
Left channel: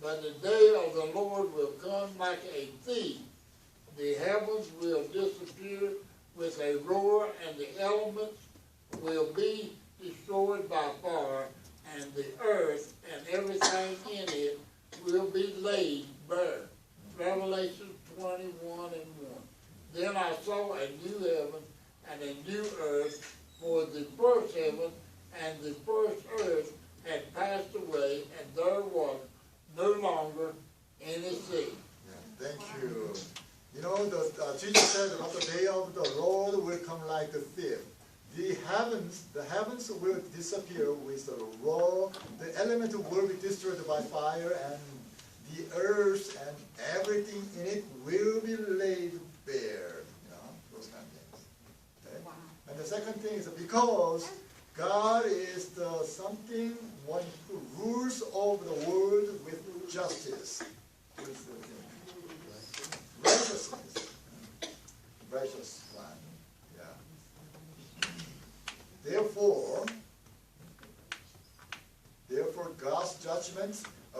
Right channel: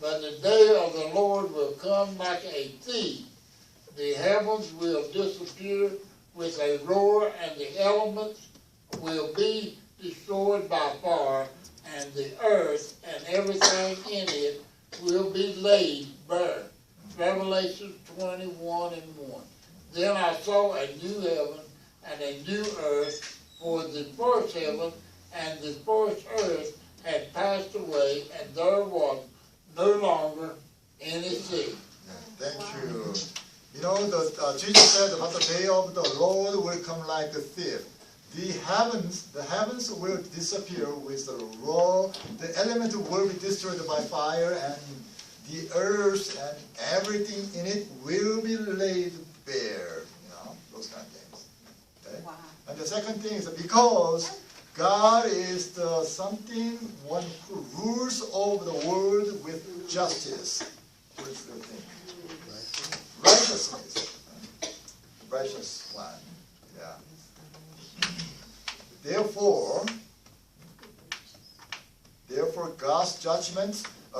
But the day of the Lord will come like a thief. The heavens will disappear with a roar, and the elements will be destroyed by fire, and the earth and everything in it will be laid bare. Revelation 21:1. Then I saw a new heaven and a new earth, for the first heaven and the first earth had passed away, and there was no longer any sea. Yeah, thank you. Jesus said about the day of the Lord will come like a thief. The heavens will disappear with the roar. The element will be destroyed by fire, and the earth and everything in it will be laid bare. Those kind of things. Okay? Wow. And the second thing is because God is the one who rules over the world with justice. What's the thing? Righteousness. Righteous one. Yeah. Therefore, God's judgment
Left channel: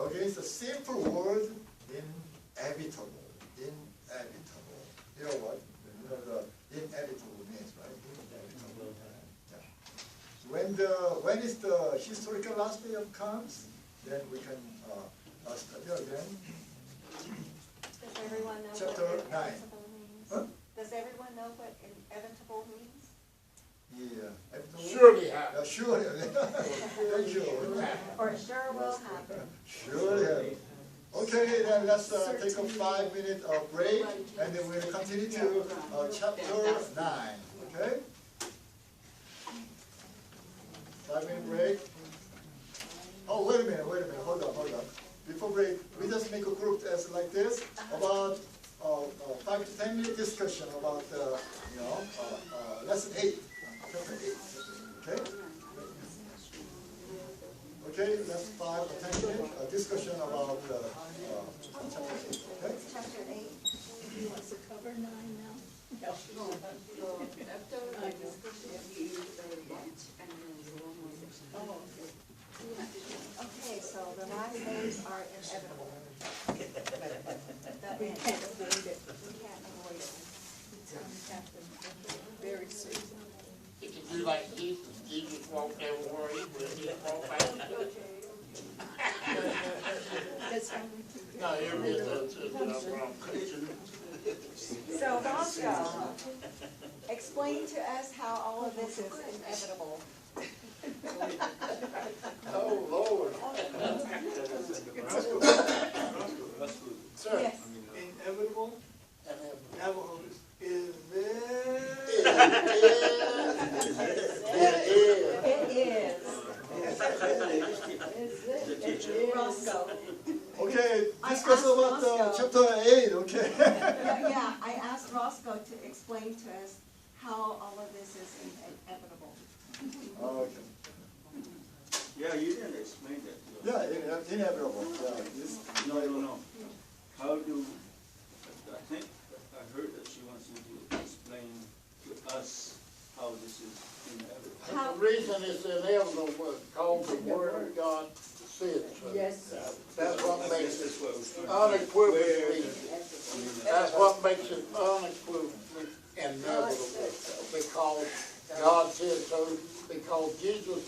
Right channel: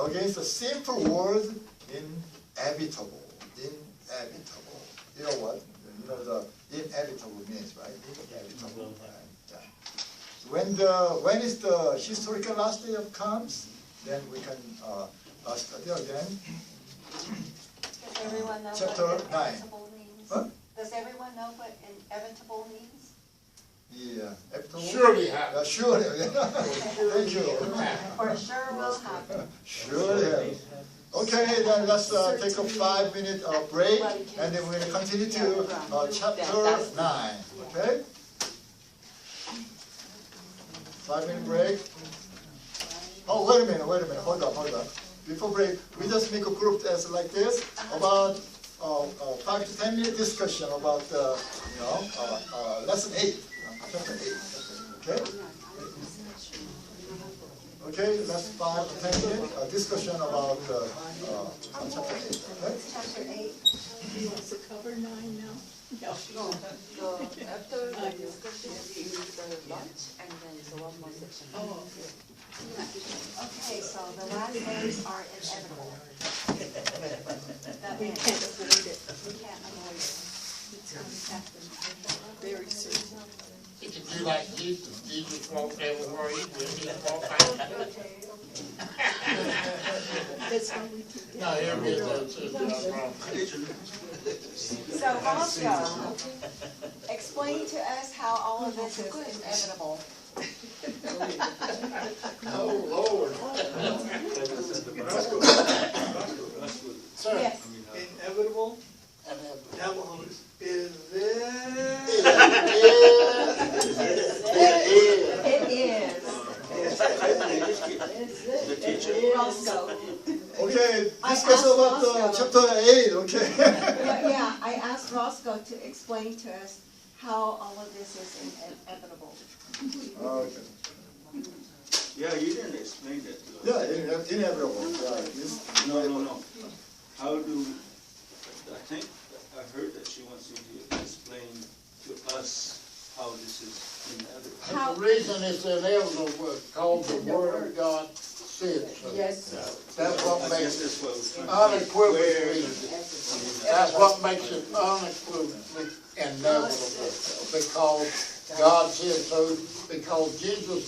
against the sinful world inevitable. Inevitable. You know what? You know the inevitable means, right? Inevitable. Yeah. When is the historical last day of comes? Then we can study again. Does everyone know Chapter what 9. inevitable means? Huh? Does everyone know what inevitable means? Yeah. Inevitable? Surely happen. Yeah, surely. Thank you. For sure will happen. Surely. Okay, then let's take a 5-minute break, and then we'll continue to chapter 9. Okay? 5-minute break. Oh, wait a minute. Hold on. Before break, we just make a group as like this, about 5 to 10 minute discussion about lesson 8, chapter 8. Okay? Okay, that's 5 to 10 minute discussion about chapter 8. Okay? Chapter 8. He wants to cover 9 now. So after the discussion, we use the lunch, and then it's one more section. Oh, okay. Okay, so the last days are inevitable. That We means can't avoid it. we can't avoid it. It's going to happen very soon. You can do like Jesus. Jesus walked everywhere he went. He walked out. That's how we do it. No, here we go. That's wrong. So also, explain to us how all of this is inevitable. Oh, Lord. Sir. Yes. Inevitable, And Navajos, is It It is. Roscoe. Okay, I discuss asked about Roscoe. chapter 8, okay? Yeah, I asked Roscoe to explain to us how all of this is inevitable. Okay. Yeah, you didn't explain that to us. Yeah, inevitable, this. No. How do, I think, I heard that she wants you to explain to us how this is inevitable. How- The reason it's inevitable was because the word of God said so. Yes. That's what I makes guess it that's what we're trying to say. Where unequivocally, is it? that's what makes it unequivocally inevitable. Because God said so, because Jesus